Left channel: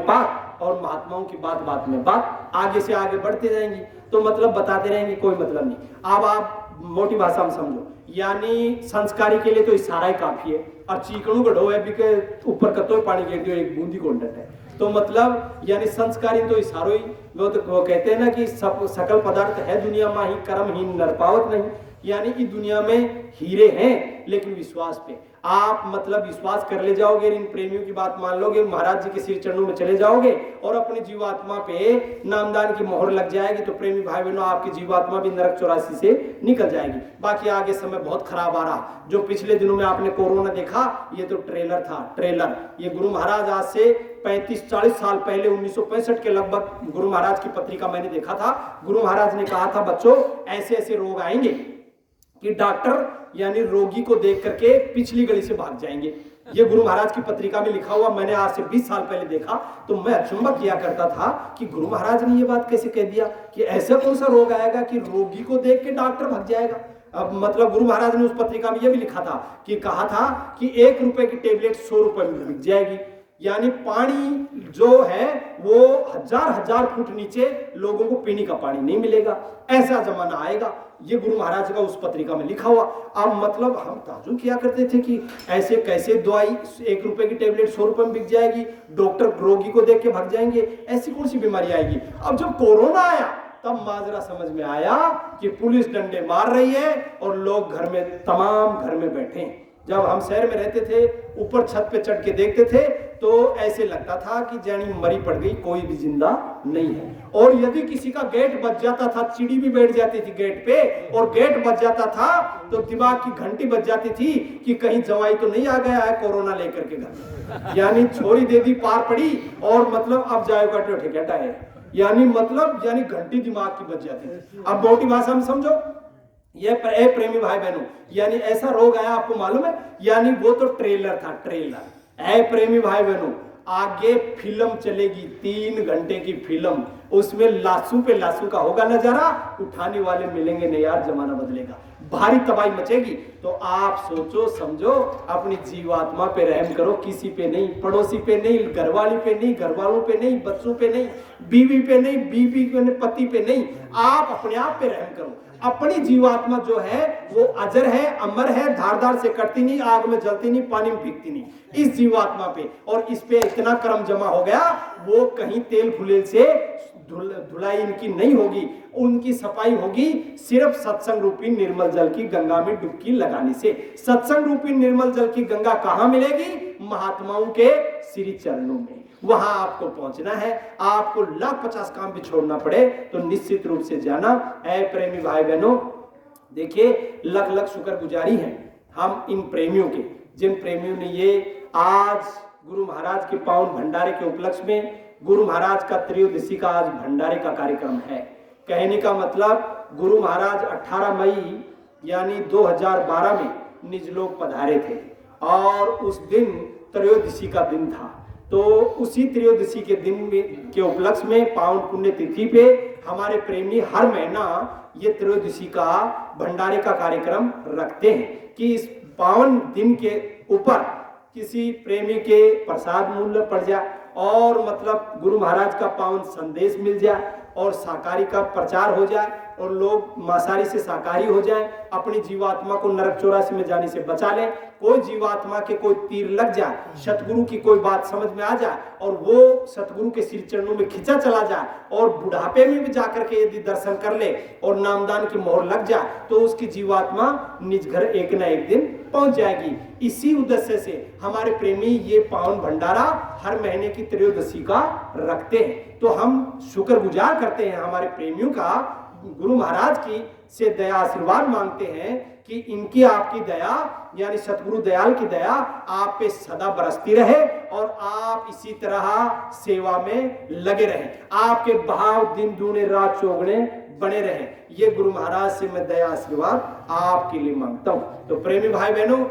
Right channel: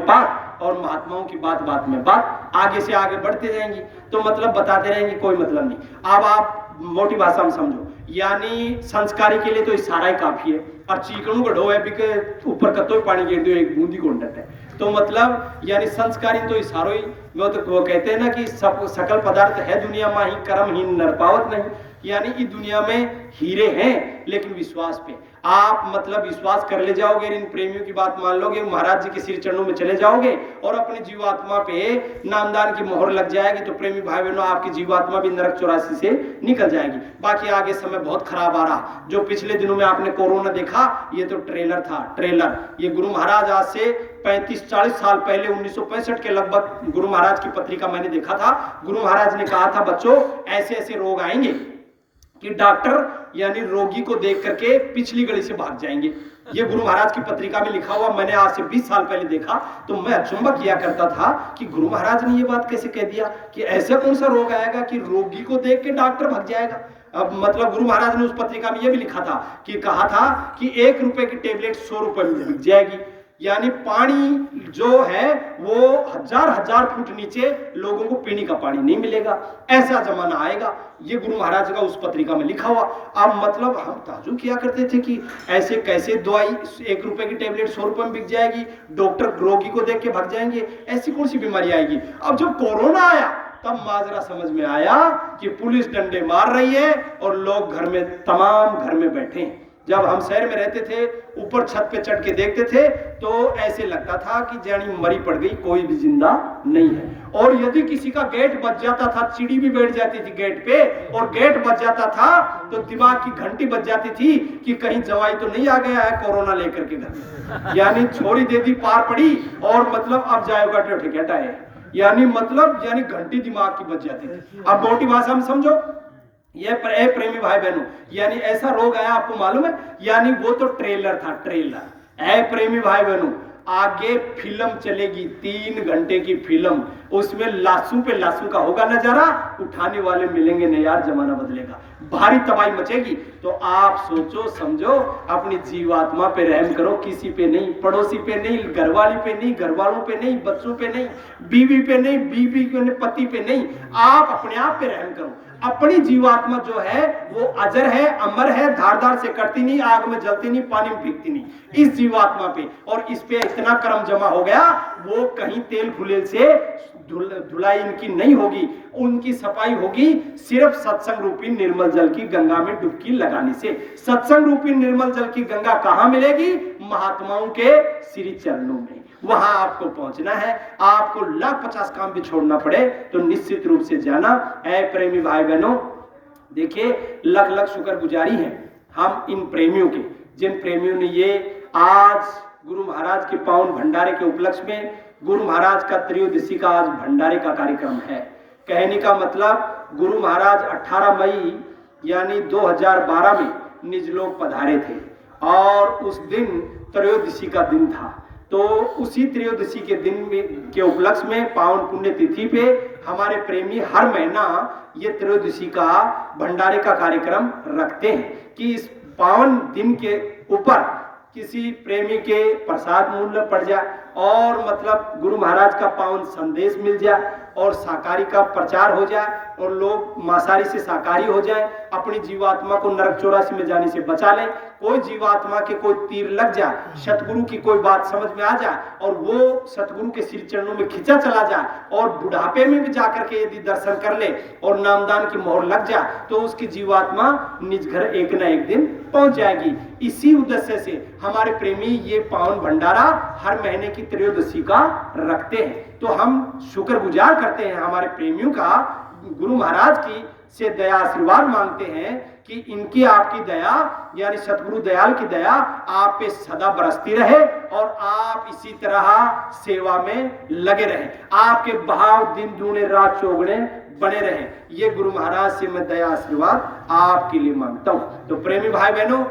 पाक और महात्माओं की बात बात में बात आगे से आगे बढ़ते रहेंगी, तो मतलब बताते रहेंगे, कोई मतलब नहीं। अब आप मोटी भाषा में समझो, यानी संस्कारी के लिए तो इशारा ही काफी है। और चीकणू गढ़ो है बिके ऊपर कतो पानी गिर दो एक बूंदी कोंडट है, तो मतलब यानी संस्कारी तो इशारो ही। वो कहते हैं ना कि सब सकल पदार्थ है दुनिया में ही कर्म ही नर पावत नहीं, यानी कि दुनिया में हीरे हैं लेकिन विश्वास पे आप मतलब विश्वास कर ले जाओगे, इन प्रेमियों की बात मान लोगे, महाराज जी के सिर चरणों में चले जाओगे और अपनी जीवात्मा पे नामदान की मोहर लग जाएगी, तो प्रेमी भाई बहनों आपकी जीवात्मा भी नरक 84 से निकल जाएगी। बाकी आगे समय बहुत खराब आ रहा। जो पिछले दिनों में आपने कोरोना देखा, ये तो ट्रेलर था, ट्रेलर। ये गुरु महाराज आज से 35-40 साल पहले 1965 के लगभग गुरु महाराज की पत्रिका मैंने देखा था। गुरु महाराज ने कहा था, बच्चों ऐसे ऐसे रोग आएंगे कि डॉक्टर यानी रोगी को देख करके पिछली गली से भाग जाएंगे। ये गुरु महाराज की पत्रिका में लिखा हुआ मैंने आज से 20 साल पहले देखा, तो मैं अचंभा किया करता था कि गुरु महाराज ने ये बात कैसे कह दिया कि ऐसा कौन सा रोग आएगा कि रोगी को देख के डॉक्टर भाग जाएगा। अब मतलब गुरु महाराज ने उस पत्रिका में ये भी लिखा था कि कहा था कि 1 रुपए की टेबलेट 100 रुपए में बिक जाएगी। यानी पानी जो है वो हजार फुट नीचे लोगों को पीने का पानी नहीं मिलेगा, ऐसा जमाना आएगा। ये गुरु महाराज का उस पत्रिका में लिखा हुआ। अब मतलब हम ताजुब किया करते थे कि ऐसे कैसे दवाई 1 रुपए की टेबलेट 100 रुपए में बिक जाएगी, डॉक्टर रोगी को देख के भाग जाएंगे, ऐसी कौन सी बीमारी आएगी। अब जब कोरोना आया तब माजरा समझ में आया कि पुलिस डंडे मार रही है और लोग घर में तमाम घर में बैठे हैं। जब हम शहर में रहते थे, ऊपर छत पे चढ़ के देखते थे तो ऐसे लगता था कि जानी मरी पड़ गई, कोई भी जिंदा नहीं है। और यदि किसी का गेट बज जाता था, चिड़ी भी बैठ जाती थी गेट पे, और गेट बज जाता था तो दिमाग की घंटी बज जाती थी कि कहीं जवाई तो नहीं आ गया है कोरोना लेकर के घर। यानी छोड़ी दे दी पार पड़ी और मतलब अब जाएगा टिकट आए, यानी मतलब यानी घंटी दिमाग की बज जाती थी। अब मोटी भाषा में समझो, ये प्रेमी भाई बहनों, यानी ऐसा रोग आया आपको मालूम है, यानी वो तो ट्रेलर था, ट्रेलर। ऐ प्रेमी भाई बहनों, आगे फिल्म चलेगी 3 घंटे की फिल्म, उसमें लाशों पे लाशों का होगा नजारा, उठाने वाले मिलेंगे नहीं यार, जमाना बदलेगा, भारी तबाही मचेगी। तो आप सोचो समझो, अपनी जीवात्मा पे रहम करो, किसी पे नहीं, पड़ोसी पे नहीं, घरवाली पे नहीं, घरवालों पे नहीं, बच्चों पे नहीं, बीवी पे नहीं, बीवी पे नहीं, पति पे नहीं, आप अपने आप पे रहम करो। अपनी जीवात्मा जो है वो अजर है, अमर है, धारदार से कटती नहीं, आग में जलती नहीं, पानी में भीगती नहीं, इस जीवात्मा पे। और इस पे इतना कर्म जमा हो गया, वो कहीं तेल फुलेल से धुलाई इनकी नहीं होगी, उनकी सफाई होगी सिर्फ सत्संग रूपी निर्मल जल की गंगा में डुबकी लगाने से। सत्संग रूपी निर्मल जल की गंगा कहां मिलेगी? महात्माओं के श्री चरणों में। वहां आपको पहुंचना है, आपको लाख 50 काम भी छोड़ना पड़े तो निश्चित रूप से जाना। ऐ प्रेमी भाई बहनों, देखिए लख लख शुक्रगुजारी है हम इन प्रेमियों के, जिन प्रेमियों ने ये आज गुरु महाराज के पावन भंडारे के उपलक्ष्य में, गुरु महाराज का त्रयोदशी का आज भंडारे का कार्यक्रम है। कहने का मतलब गुरु महाराज 18 मई यानी 2012 में निजलोक पधारे थे और उस दिन त्रयोदशी का दिन था। तो उसी त्रयोदशी के दिन में के उपलक्ष्य में पावन पुण्य तिथि पे हमारे प्रेमी हर महीना ये त्रयोदशी का भंडारे का कार्यक्रम रखते हैं कि इस पावन दिन के ऊपर किसी प्रेमी के प्रसाद मूल्य पड़ जाए और मतलब गुरु महाराज का पावन संदेश मिल जाए और शाकाहारी का प्रचार हो जाए और लोग मांसाहारी से शाकाहारी हो जाए, अपनी जीवात्मा को नरक 84 में जाने से बचा ले। कोई जीवात्मा के कोई तीर लग जाए, सतगुरु की कोई बात समझ में आ जाए और वो सतगुरु के सिर चरणों में खिंचा चला जाए और बुढ़ापे में भी जाकर के यदि दर्शन कर ले और नामदान की मोहर लग जाए तो उसकी जीवात्मा निज घर एक न एक दिन पहुंच जाएगी। इसी उद्देश्य से हमारे प्रेमी ये पावन भंडारा हर महीने की त्रयोदशी का रखते हैं। तो हम शुक्रगुजार करते हैं हमारे प्रेमियों का, गुरु महाराज की से दया आशीर्वाद मांगते हैं कि इनकी आपकी दया यानी सतगुरु दयाल की दया आप पे सदा बरसती रहे और आप इसी तरह सेवा में लगे रहें, आपके भाव दिन दूने रात चौगुने बने रहे। ये गुरु महाराज से मैं दया आशीर्वाद आपके लिए मांगता हूं। तो प्रेमी भाई बहनों,